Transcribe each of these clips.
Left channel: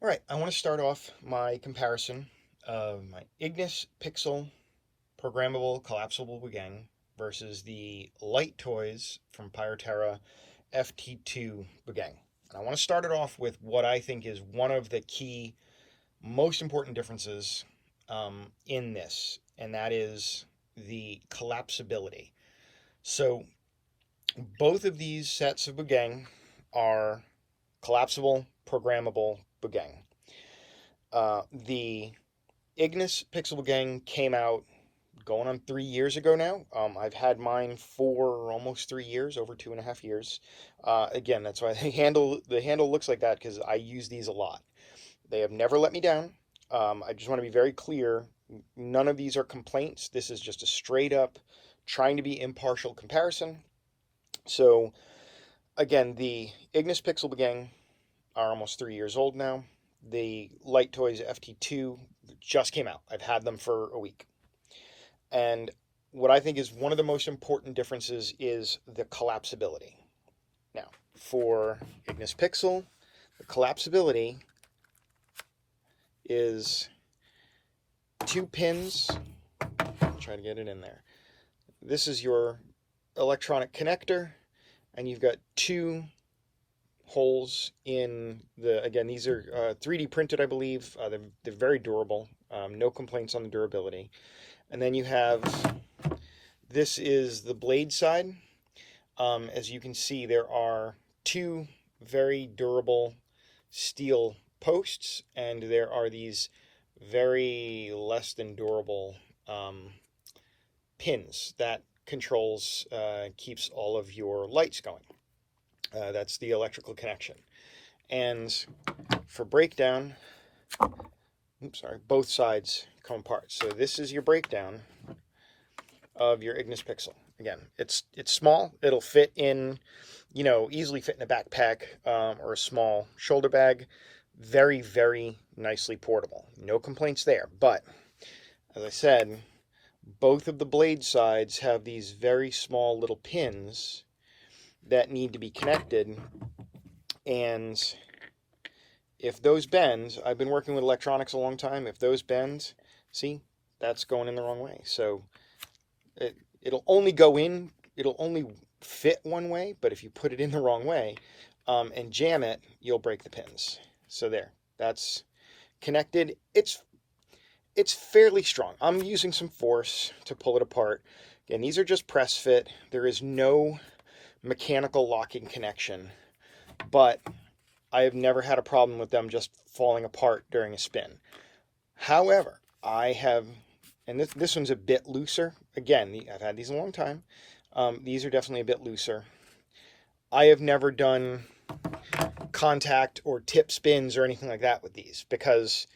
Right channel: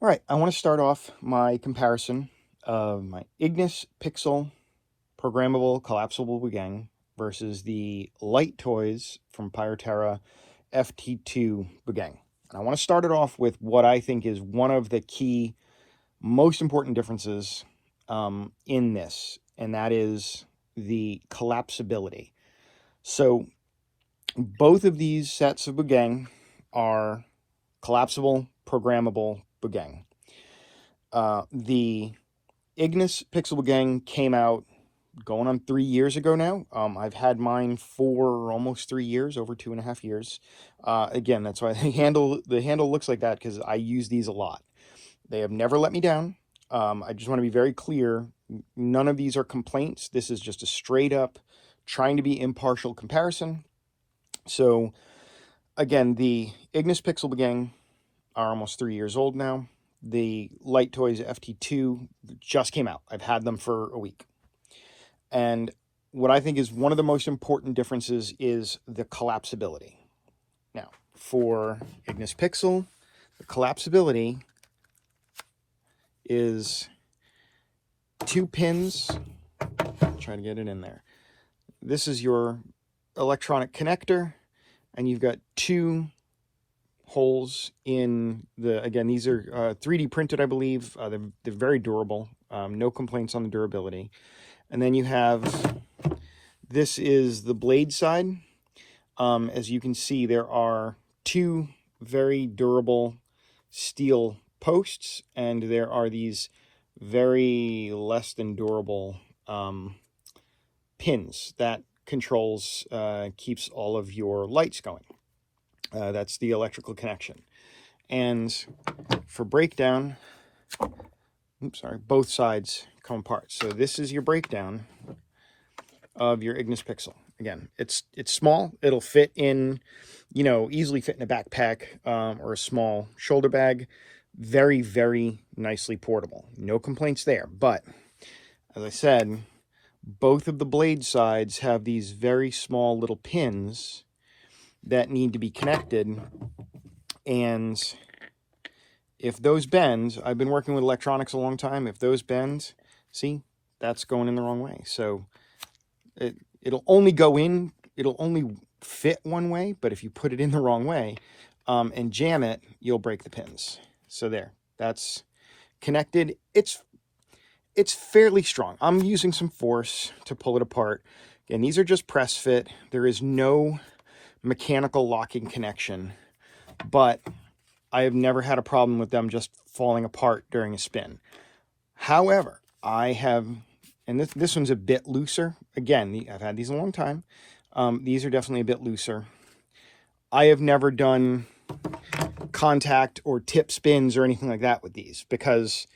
All right, I want to start off my comparison of my Ignis Pixel programmable collapsible Buugeng versus the Lighttoys from Pyroterra FT2 Buugeng. And I want to start it off with what I think is one of the key, most important differences in this, and that is the collapsibility. So both of these sets of Buugeng are collapsible, programmable Buugeng. The Ignis Pixel Buugeng came out going on 3 years ago now. I've had mine for almost 3 years, over 2.5 years. Again, that's why the handle looks like that, because I use these a lot. They have never let me down. I just want to be very clear. None of these are complaints. This is just a straight up trying to be impartial comparison. So again, the Ignis Pixel Buugeng are almost 3 years old now. The Lighttoys FT2 just came out. I've had them for a week. And what I think is one of the most important differences is the collapsibility. Now, for Ignis Pixel, the collapsibility is 2 pins. I'll try to get it in there. This is your electronic connector, and you've got 2 holes in the, again, these are 3D printed, I believe. They're very durable. No complaints on the durability. And then you have, this is the blade side. As you can see, there are 2 very durable steel posts, and there are these very less than durable pins that controls, keeps all of your lights going. That's the electrical connection. And for breakdown, oops, sorry, both sides come apart. So this is your breakdown of your Ignis Pixel. Again, it's small. It'll fit in, you know, easily fit in a backpack or a small shoulder bag. Very, very nicely portable. No complaints there. But as I said, both of the blade sides have these very small little pins that need to be connected, and if those bend, I've been working with electronics a long time, if those bend, see, that's going in the wrong way. So it'll only go in, it'll only fit one way, but if you put it in the wrong way and jam it, you'll break the pins. So there, that's connected. It's fairly strong. I'm using some force to pull it apart. And these are just press fit. There is no mechanical locking connection, but I have never had a problem with them just falling apart during a spin. However, I have, and this one's a bit looser. Again, I've had these a long time. These are definitely a bit looser. I have never done contact or tip spins or anything like that with these, because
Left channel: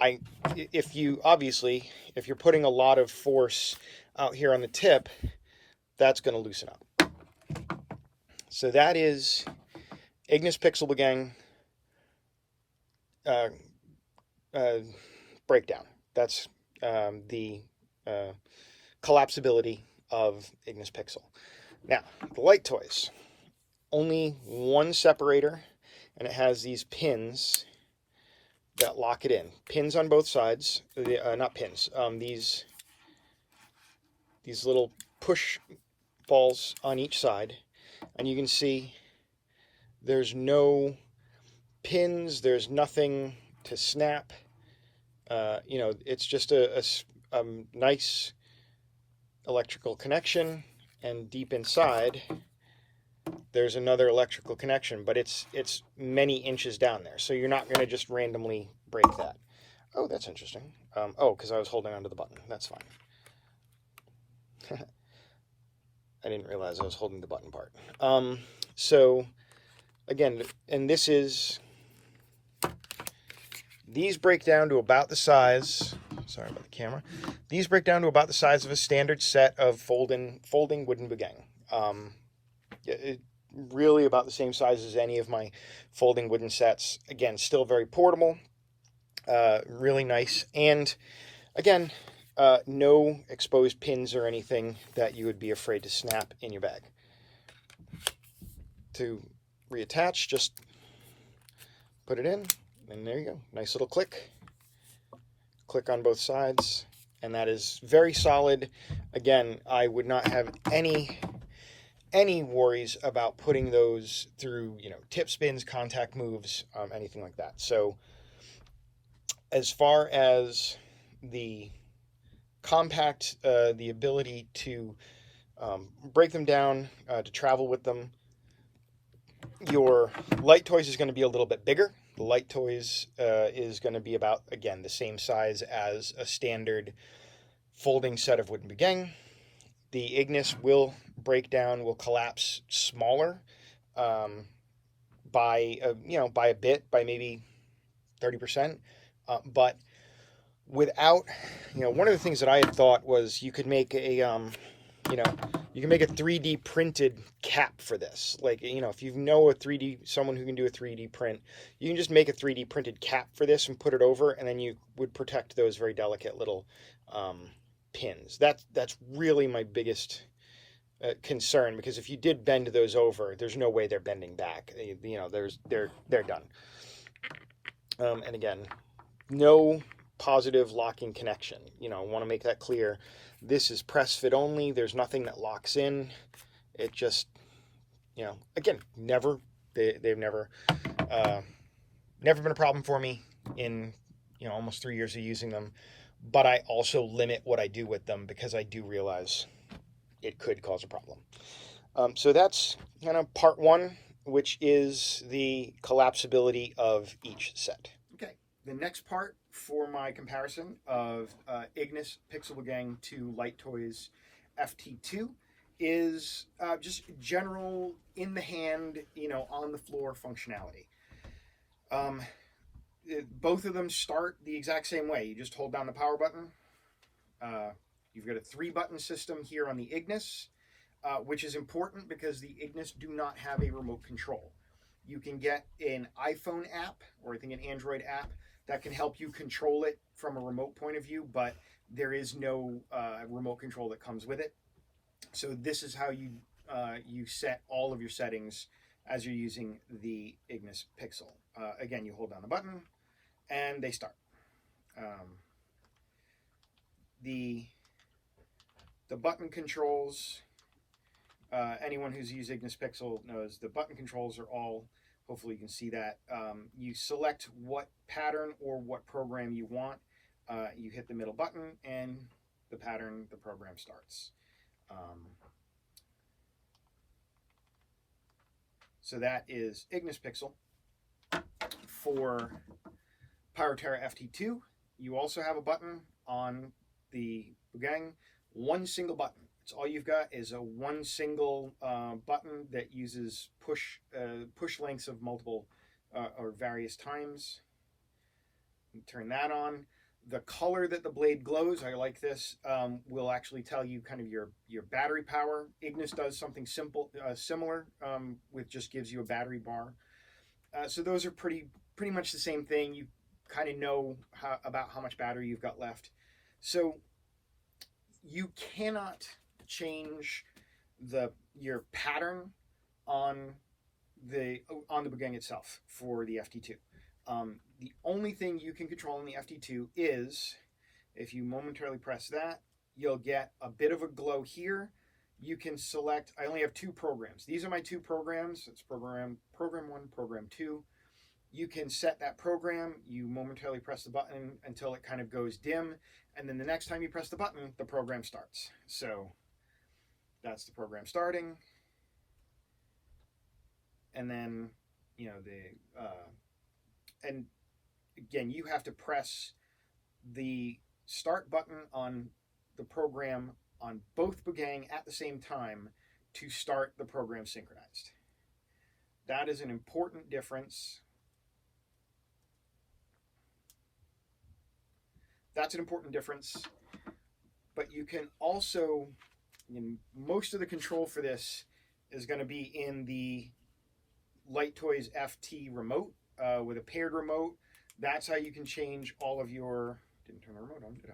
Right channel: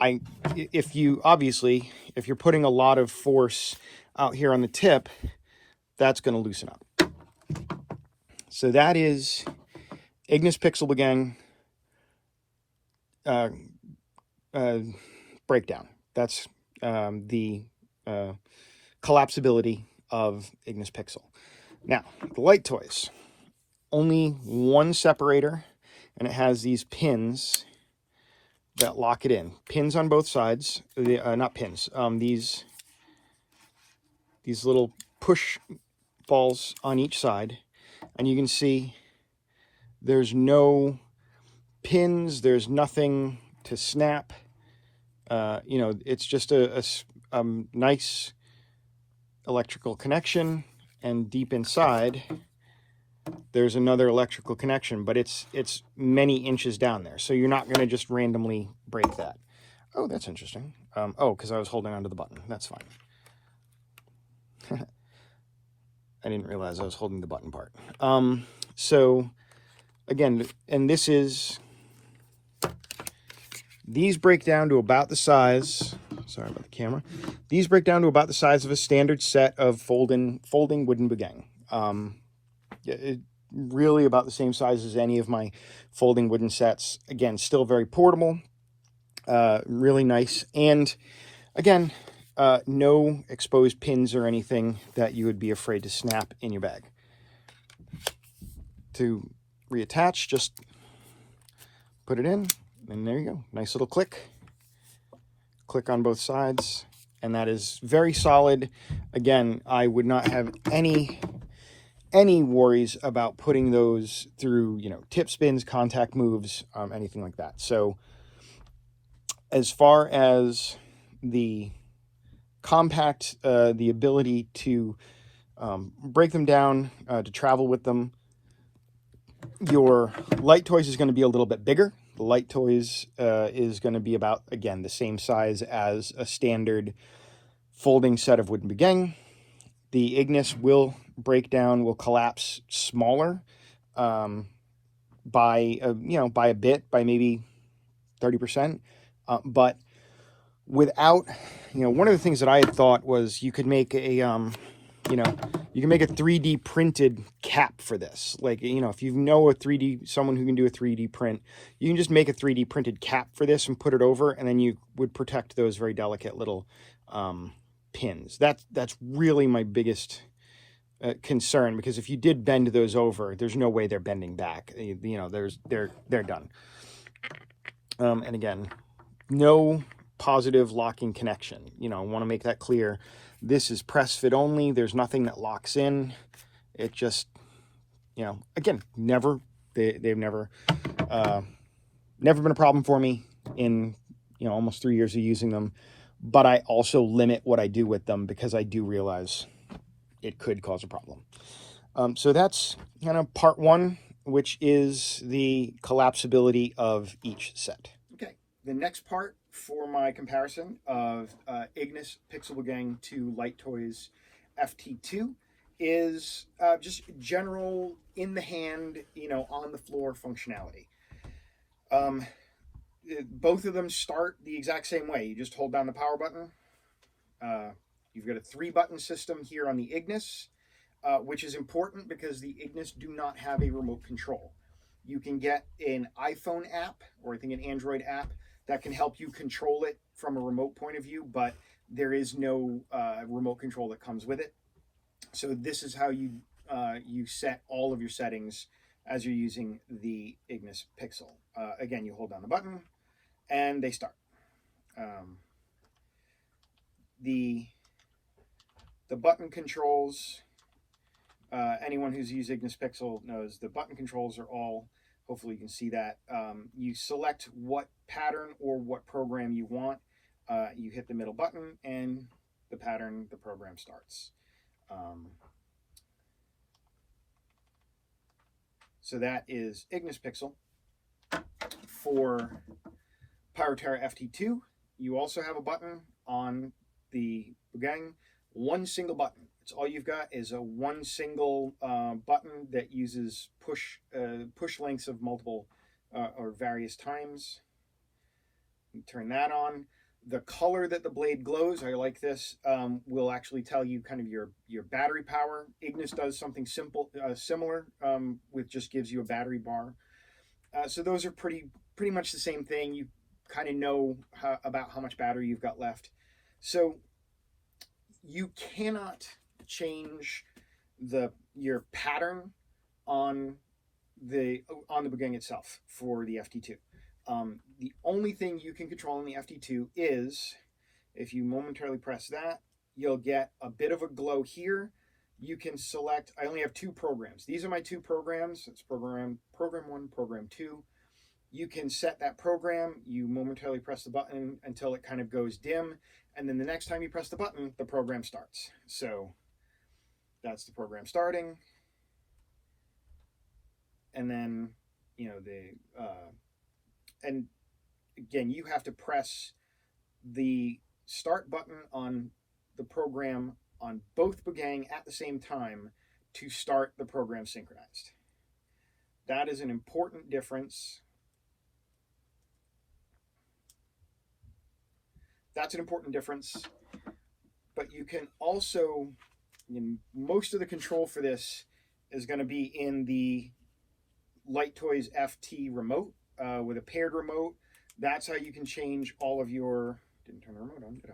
if you're putting a lot of force out here on the tip, that's going to loosen up. So that is Ignis Pixel Buugeng breakdown. That's the collapsibility of Ignis Pixel. Now, the Lighttoys, only one separator, and it has these pins that lock it in. Pins on both sides, not pins, these little push balls on each side. And you can see there's no pins, there's nothing to snap. You know, it's just a nice electrical connection, and deep inside there's another electrical connection, but it's many inches down there, so you're not going to just randomly break that. Oh, that's interesting. Oh, because I was holding onto the button. That's fine. I didn't realize I was holding the button part. So again, and this is, these break down to about the size, sorry about the camera, these break down to about the size of a standard set of folding wooden Buugeng. Really about the same size as any of my folding wooden sets. Again, still very portable, really nice, and again, no exposed pins or anything that you would be afraid to snap in your bag. To reattach, just put it in, And there you go, nice little click. Click on both sides, and that is very solid. Again, I would not have any worries about putting those through, you know, tip spins, contact moves, anything like that. So as far as the compact, the ability to break them down, to travel with them, your Lighttoys is going to be a little bit bigger. The Lighttoys is going to be about, again, the same size as a standard folding set of wooden Buugeng. The Ignis will break down, will collapse smaller by a bit, by maybe 30%. But without, you know, one of the things that I had thought was you could make a you can make a 3D printed cap for this. Like, you know, if you know someone who can do a 3D print, you can just make a 3D printed cap for this and put it over, and then you would protect those very delicate little pins. That's really my biggest concern, because if you did bend those over, there's no way they're bending back. You know, they're done. And again, no positive locking connection. You know, I want to make that clear. This is press fit only. There's nothing that locks in. It just, you know, again, they've never been a problem for me in, you know, almost 3 years of using them. But I also limit what I do with them because I do realize it could cause a problem. So that's kind of part one, which is the collapsibility of each set. Okay, the next part for my comparison of Ignis Pixel Buugeng to Lighttoys FT2 is just general in the hand, you know, on the floor functionality. Both of them start the exact same way. You just hold down the power button. You've got a 3-button system here on the Ignis, which is important because the Ignis do not have a remote control. You can get an iPhone app, or I think an Android app, that can help you control it from a remote point of view, but there is no remote control that comes with it. So this is how you set all of your settings as you're using the Ignis Pixel. Again, you hold down the button and they start. The button controls, anyone who's used Ignis Pixel knows the button controls are all, hopefully you can see that. You select what pattern or what program you want. You hit the middle button and the program starts. So that is Ignis Pixel. For Pyroterra FT2, you also have a button on the Buugeng, one single button. It's all you've got is one single button that uses push lengths of multiple or various times. You turn that on. The color that the blade glows, I like this, will actually tell you kind of your battery power. Ignis does something similar, which just gives you a battery bar. So those are pretty much the same thing. You kind of know about how much battery you've got left. So you cannot change your pattern on the Buugeng itself for the FT2. The only thing you can control in the FT2 is, if you momentarily press that, you'll get a bit of a glow here. You can select, I only have 2 programs. These are my 2 programs. It's program 1, program 2. You can set that program. You momentarily press the button until it kind of goes dim. And then the next time you press the button, the program starts. So that's the program starting. And then, you know, and again, you have to press the start button on the program on both Buugeng at the same time to start the program synchronized. That is an important difference. That's an important difference. But you can also, most of the control for this is going to be in the Lighttoys FT remote with a paired remote. That's how you can change all of your, didn't turn the remote on, did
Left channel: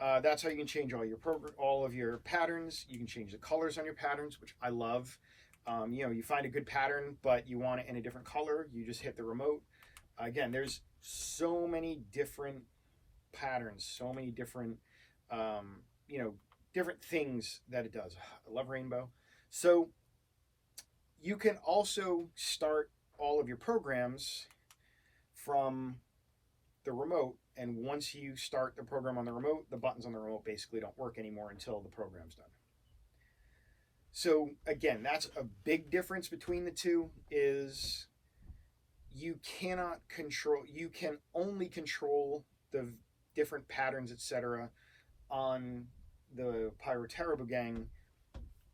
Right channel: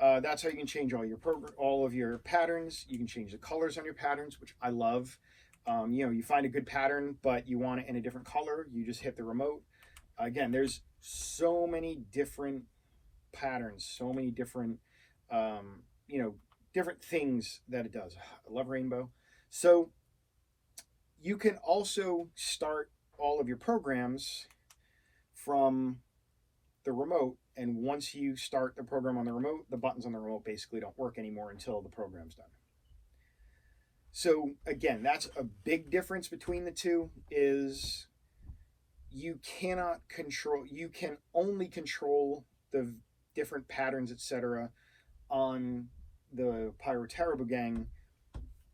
I? That's how you can change all of your patterns. You can change the colors on your patterns, which I love. You know, you find a good pattern, but you want it in a different color, you just hit the remote. Again, there's so many different patterns, so many different, you know, different things that it does. I love rainbow. So you can also start all of your programs from the remote, and once you start the program on the remote, the buttons on the remote basically don't work anymore until the program's done. So again, that's a big difference between the two, is you cannot control, you can only control the different patterns, etc., on the Pyroterra Buugeng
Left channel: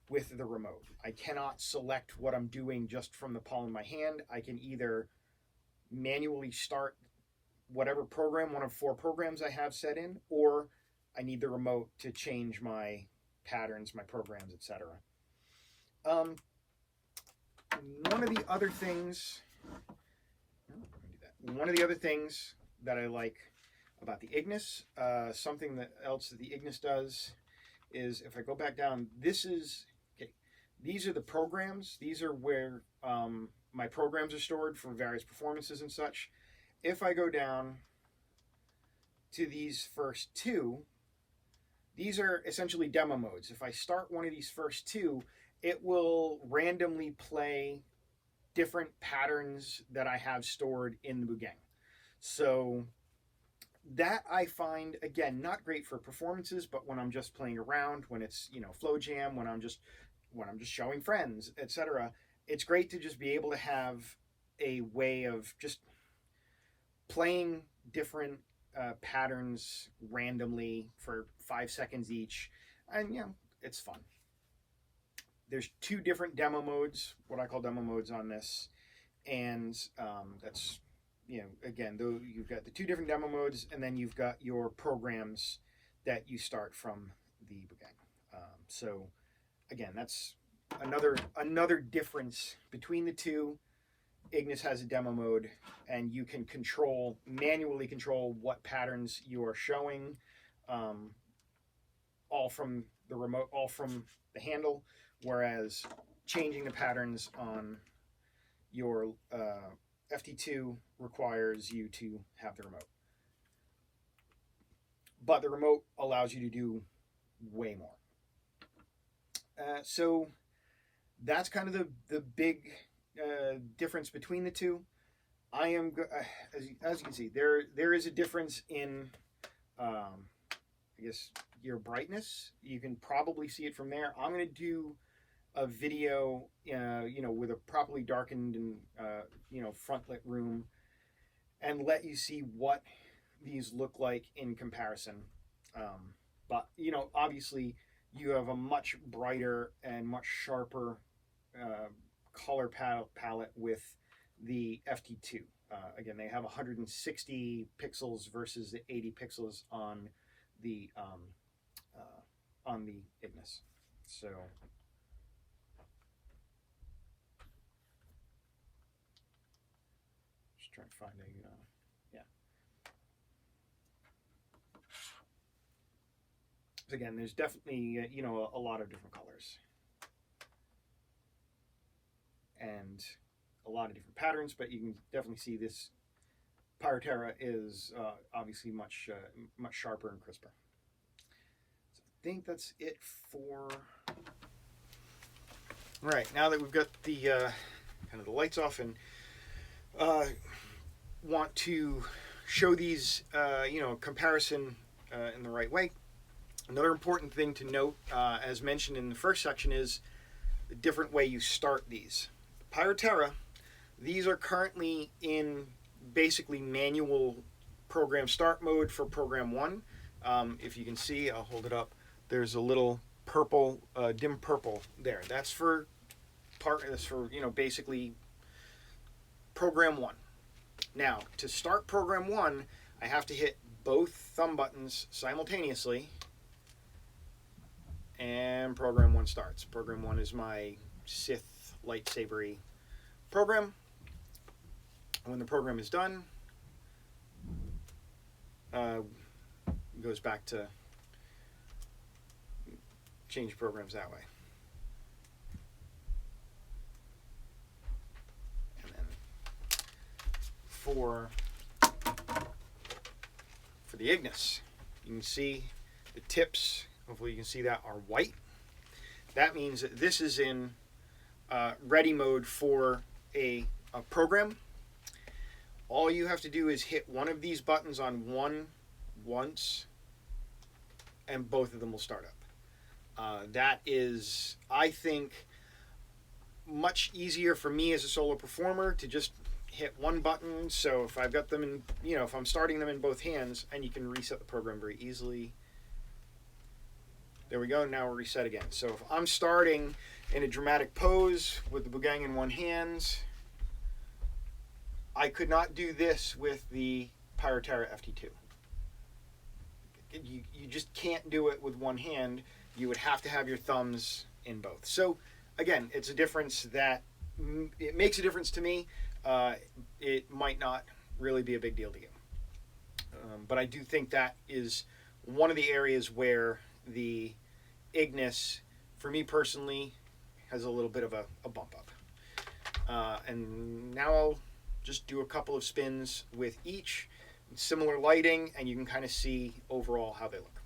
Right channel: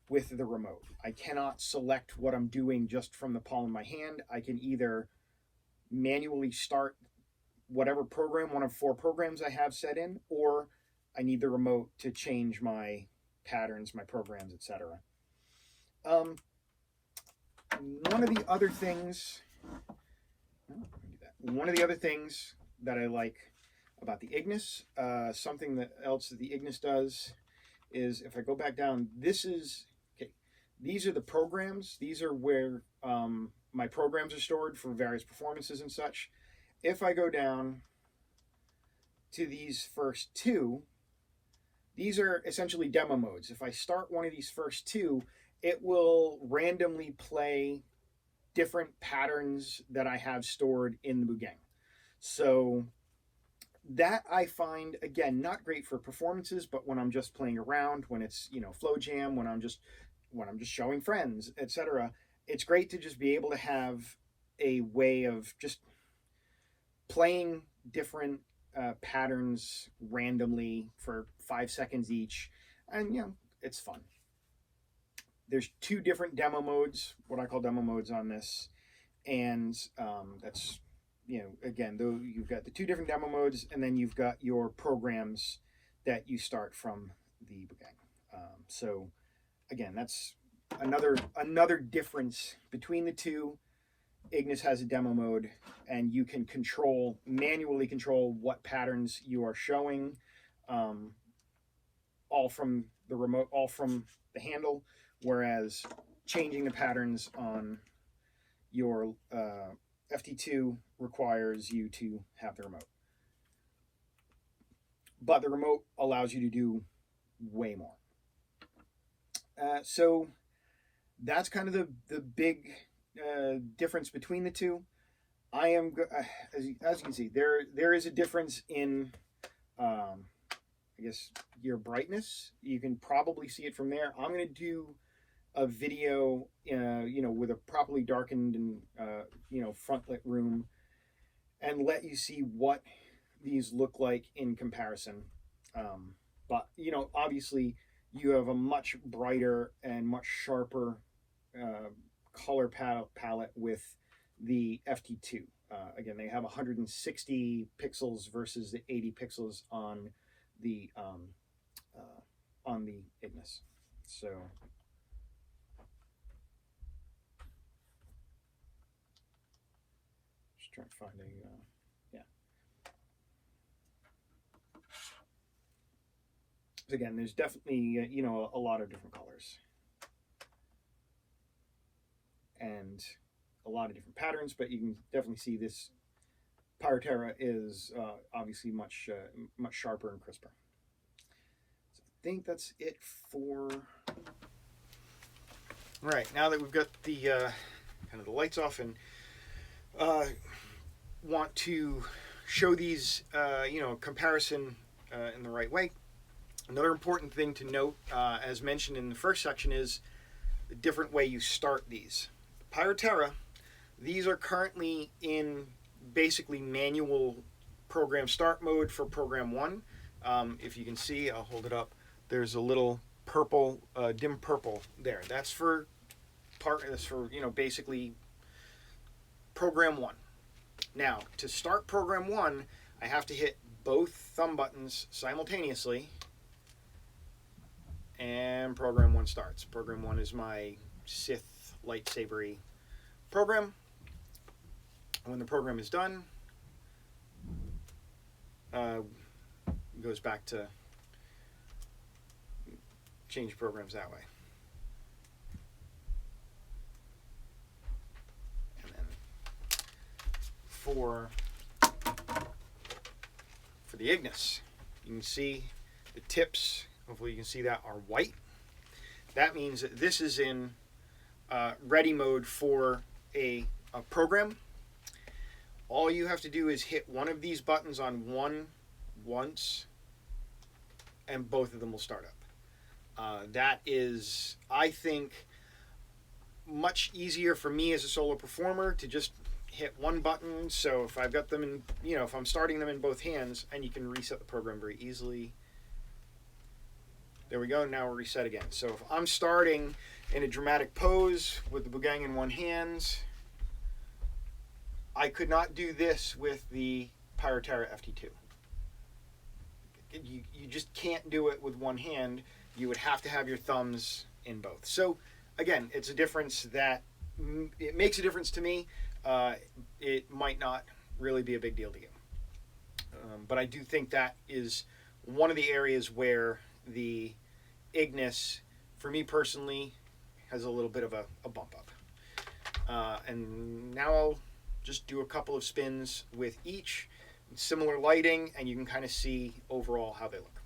with the remote. I cannot select what I'm doing just from the palm of my hand. I can either manually start whatever program, one of 4 programs I have set in, or I need the remote to change my patterns, my programs, etc. One of the other things that I like about the Ignis, something else that the Ignis does is, if I go back down, this is, okay, these are the programs. These are where my programs are stored for various performances and such. If I go down to these first 2, these are essentially demo modes. If I start one of these first 2, it will randomly play different patterns that I have stored in the Buugeng. So that I find, again, not great for performances, but when I'm just playing around, when it's, you know, flow jam, when I'm just showing friends, etc., it's great to just be able to have a way of just playing different patterns randomly for 5 seconds each, and you know, it's fun. There's 2 different demo modes, what I call demo modes on this, and that's, you know, again, though, you've got the 2 different demo modes, and then you've got your programs that you start from the Buugeng. So again, that's another difference between the 2. Ignis has a demo mode, and you can manually control what patterns you are showing, all from the remote, all from the handle, whereas changing the patterns on your FT2 requires you to have the remote. But the remote allows you to do way more. So that's kind of the big difference between the 2. I am, as you can see, there is a difference in, I guess, your brightness. You can probably see it from there. I'm going to do a video, you know, with a properly darkened and, you know, front lit room, and let you see what these look like in comparison. But, you know, obviously you have a much brighter and much sharper color palette with the FT2. Again, they have 160 pixels versus the 80 pixels on the Ignis. So just trying to find a yeah. So again, there's definitely you know, a lot of different colors and a lot of different patterns, but you can definitely see this Pyroterra is obviously much sharper and crisper. So I think that's it for. All right, now that we've got the kind of the lights off, and want to show these you know, comparison in the right way. Another important thing to note, as mentioned in the first section, is the different way you start these. Pyroterra, these are currently in basically manual program start mode for program 1. If you can see, I'll hold it up. There's a little purple, dim purple there. That's for you know, basically program 1. Now, to start program 1, I have to hit both thumb buttons simultaneously, and program 1 starts. Program 1 is my Sith lightsabery program. When the program is done, it goes back to change programs that way. And then for the Ignis. You can see the tips, hopefully you can see that, are white. That means that this is in ready mode for a program. All you have to do is hit one of these buttons on once, and both of them will start up. That is, I think, much easier for me as a solo performer to just hit one button. So if I've got them in, if I'm starting them in both hands, and you can reset the program very easily. There we go. Now we'll reset again. So if I'm starting in a dramatic pose with the Buugeng in one hand, I could not do this with the Pyroterra FT2. You just can't do it with one hand. You would have to have your thumbs in both. So again, it's a difference that it makes a difference to me. It might not really be a big deal to you. But I do think that is one of the areas where the Ignis, for me personally, has a little bit of a bump up. And now I'll just do a couple of spins with each, similar lighting, and you can kind of see overall how they look.